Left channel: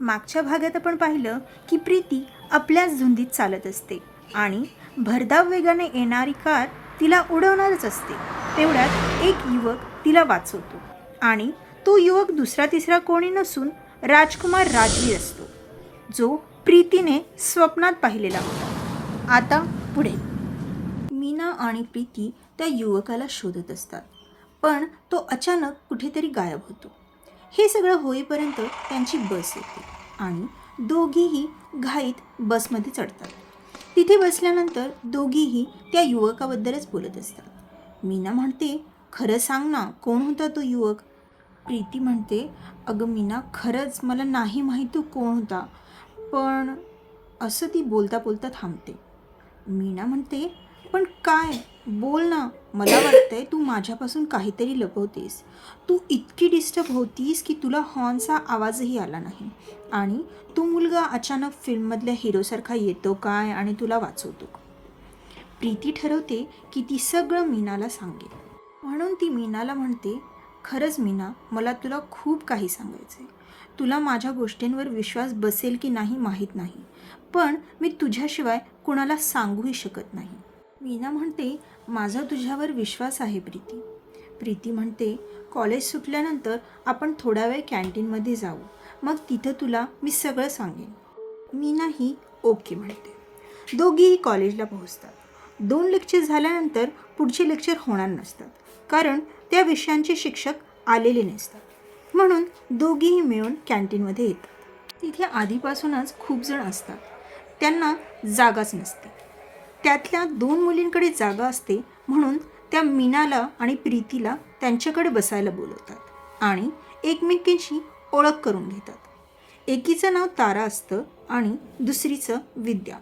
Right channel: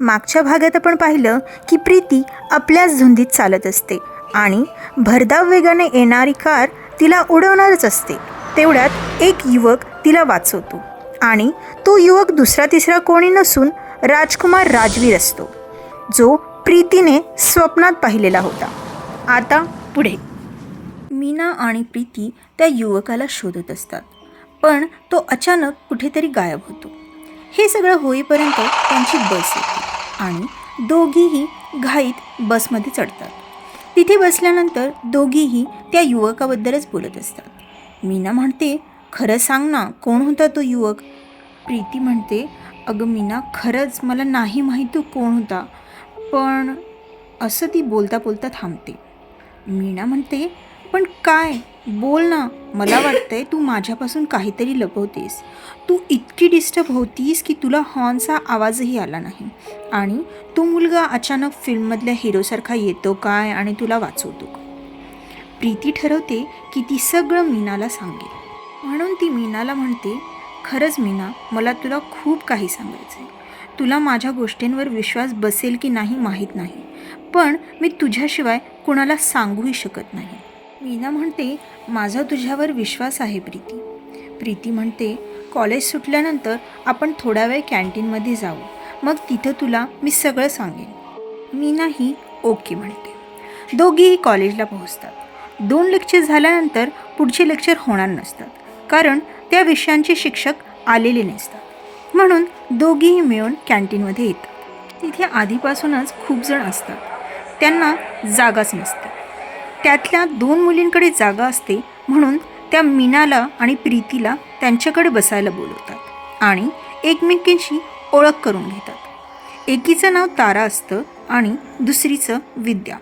मागच्या भागात आपण पाहिलं की प्रीती आपल्याच धुंदीत चालत असते आणि भरधाव वेगाने येणारी कार तिला उडवणारच असते. तेवढ्यात एक युवक तिला वाचवतो आणि तो युवक दुसरा तिसरा कोणी नसून राजकुमार राजवीर असतो, जो प्रीतीने स्वप्नात पाहिलेला होता. आता पुढे मीना आणि प्रीती त्या युवकाला शोधत असतात, पण तो अचानक कुठेतरी गायब होतो. हे सगळं होईपर्यंत त्यांची बस येते आणि दोघीही घाईत बसमध्ये चढतात. तिथे बसल्यानंतर दोघीही त्या युवकाबद्दलच बोलत असतात. मीना म्हणते, खरं सांग ना, कोण होता तो युवक? प्रीती म्हणते, अगं मीना, खरंच मला नाही माहीत तो कोण होता, पण असं ती बोलता बोलता थांबते. मीना म्हणते, पण काय, बोल ना, मला वाटतंय तू माझ्यापासून काहीतरी लपवतेस. तू इतकी डिस्टर्ब होतीस की तुला हॉर्नचा आवाजही आला नाही आणि तो मुलगा अचानक फिल्ममधल्या हिरोसारखा येतो काय आणि तुला वाचवतो. प्रीती ठरवते की ती सगळं मीनाला सांगेल. म्हणून ती मीनाला म्हणते, खरंच मीना, मला तुला खूप काही सांगायचं आहे. तुला माझ्या गोष्टींवर विश्वास बसेल की नाही माहीत नाही, पण मी तुझ्याशिवाय कुणाला सांगूही शकत नाही. मीना म्हणते, माझा तुझ्यावर विश्वास आहे प्रीती. प्रीती म्हणते, कॉलेज सुटल्यानंतर आपण थोडा वेळ कॅन्टीनमध्ये जाऊ, मग तिथं तुला मी सगळं सांगेन. मीनाही ओके म्हणते. दोघीही कॉलेजला पोहोचतात. 2 लेक्चर झाल्यानंतर पुढचे लेक्चर होणार नसतात, कारण त्या विषयांचे शिक्षक आलेले नसतात. म्हणून दोघीही मिळून कॅन्टीनमध्ये येतात. तिथे आधीपासूनच खूप जण असतात, त्यांना जागाच नसते. त्यातल्या 2 मुलींकडे जागा असते, म्हणून त्या मीनाला आणि प्रीतीला त्यांच्याकडे बसायला बोलवतात आणि एकमेकींशी ओळख करून घेतात. एकीचं नाव तारा असतं आणि दुसरीचं विद्या.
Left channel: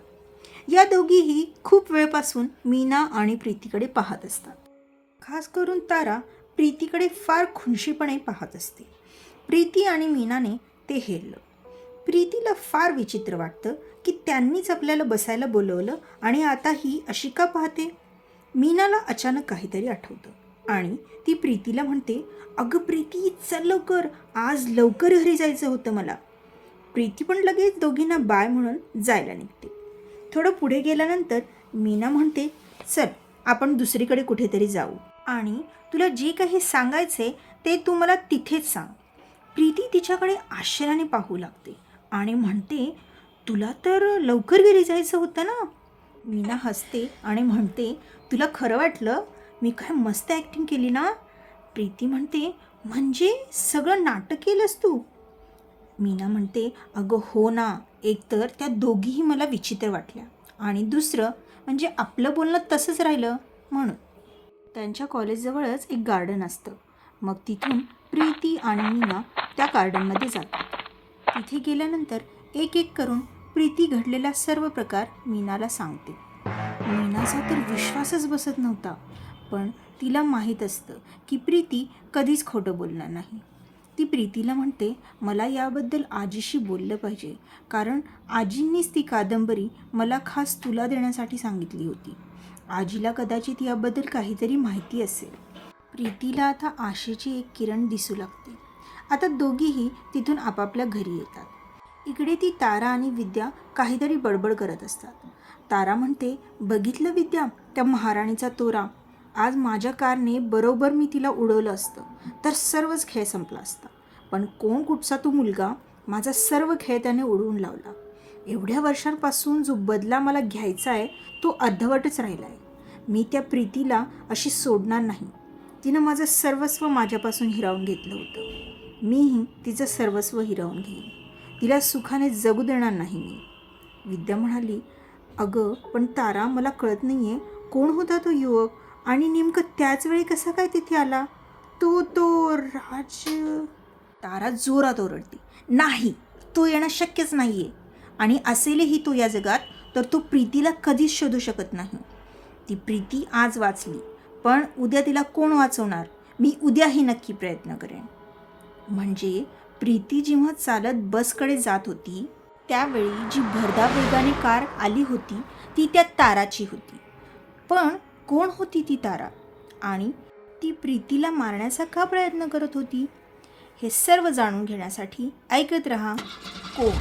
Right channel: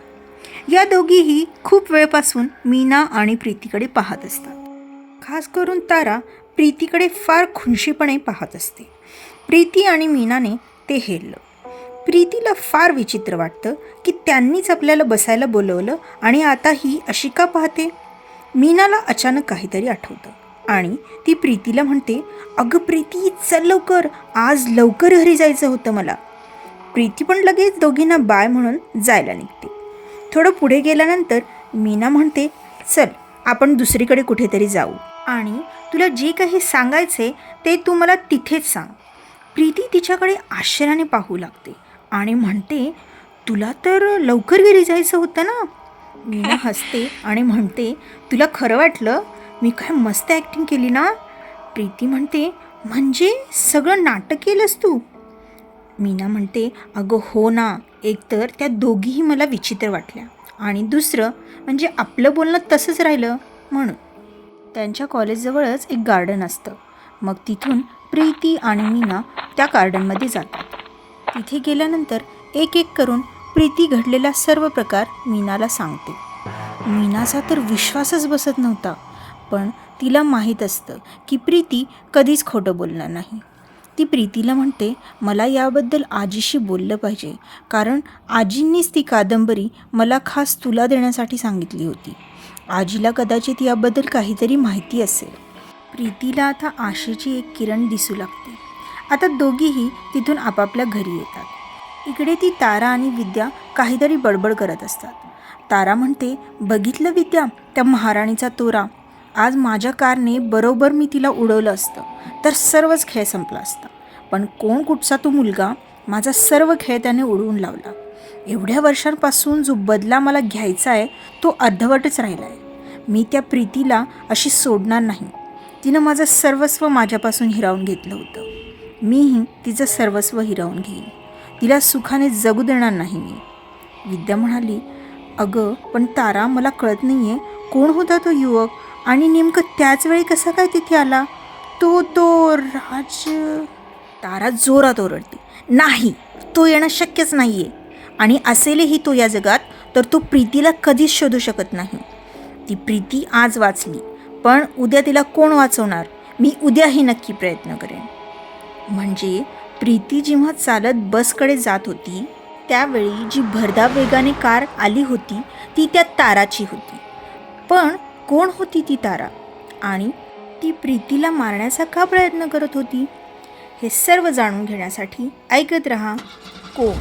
या दोघीही खूप वेळपासून मीना आणि प्रीतीकडे पाहत असतात. खास करून तारा प्रीतीकडे फार खुनशीपणे पाहत असते. प्रीती आणि मीनाने ते हेरलं. प्रीतीला फार विचित्र वाटतं की त्यांनीच आपल्याला बसायला बोलवलं आणि आता ही अशी का पाहते. मीनाला अचानक काहीतरी आठवतं आणि ती प्रीतीला म्हणते, अगं प्रीती, चल लवकर, आज लवकर घरी जायचं होतं मला. प्रीती पण लगेच दोघींना बाय म्हणून जायला निघते. थोडं पुढे गेल्यानंतर मीना म्हणते, चल आपण दुसरीकडे कुठेतरी जाऊ आणि तुला जे काही सांगायचे ते तू मला तिथेच सांग. प्रीती तिच्याकडे आश्चर्याने पाहू लागते आणि म्हणते, तुला तर लवकर घरी जायचं होतं ना. मीना हसते आणि म्हणते, तुला खरं वाटलं? मी काय मस्त ॲक्टिंग केली ना. प्रीती म्हणते, म्हणजे सगळं नाटक केलंस तू? मीना म्हणते, अगं हो ना, एकतर त्या दोघीही मला विचित्र वाटल्या आणि दुसरं म्हणजे आपलं बोलणं तसंच राहिलं म्हणून. त्यांच्या कॉलेजजवळच एक गार्डन असतं. मग तिथून प्रीती आणि मीना त्या गार्डनमध्ये जातात. तिथे गेल्यानंतर एक एक करून प्रीती घडलेला सर्व प्रकार मीनाला सांगते. मीनाचा तर विश्वासच बसत नव्हता, पण तिला माहीत असतं की प्रीती कधीच खोटं बोलणार नाही. ती प्रीतीला म्हणते, मला याबद्दल आजीशी बोललं पाहिजे, कारण आजींनीच ती कादंबरी मला खास तुला देण्यासाठी सांगितली होती. आजीला कदाचित याबद्दल काहीतरी माहिती असेल. प्रीतीला आता आशेची एक किरण दिसू लागते. आता दोघीही तिथून आपापल्या घरी येतात. इकडे ती तारा आणि विद्या काहीतरी बडबड करत असतात. तारा म्हणते, बघितलं विद्या, त्या महाराणीचा तोरा. आज माझ्या कारने बरोबर मी तिला उडवलं असतं तर सर्वच खेळ संपला असता, पण कोण कुठचा तो मुलगा, माझा सर्व खेळ त्याने उडवून लावला. एवढ्या वर्षांपासून जो बदला मला घ्यायचा आहे तो अर्धवटच राहिला आहे. मी त्या प्रीतीला अशी सोडणार नाही. तिनं माझं सर्वस्व माझ्यापासून हिरावून घेतलं होतं. मीही तिचं सर्वस्व हिरावून घेईन. तिला सुखाने जगू देणार नाही मी. विद्या म्हणाली, अगं पण तारा, मला कळत नाही आहे, कोण होता तो युवक आणि नेमकं त्याच वेळी कसा काय तिथे आला? तो राज. तारा जोरात ओरडते, नाही, तो येणं शक्यच नाही आहे, आणि असेलही तो या जगात तर तो प्रीतीला कधीच शोधू शकत नाही. ती प्रीती आज वाचली, पण उद्या तिला कोण वाचवणार? मी उद्याही नक्की प्रयत्न करेन. म्हणजे प्रीती जेव्हा चालत बसकडे जात होती त्यावेळी जी भरधाव वेगाने कार आली होती ती त्या ताराची होती. पण कोण होती ती तारा आणि ती प्रीतीला मारण्याचा का प्रयत्न करत होती? हे सर्व जाणून घेण्यासाठी ऐकत रहा कोण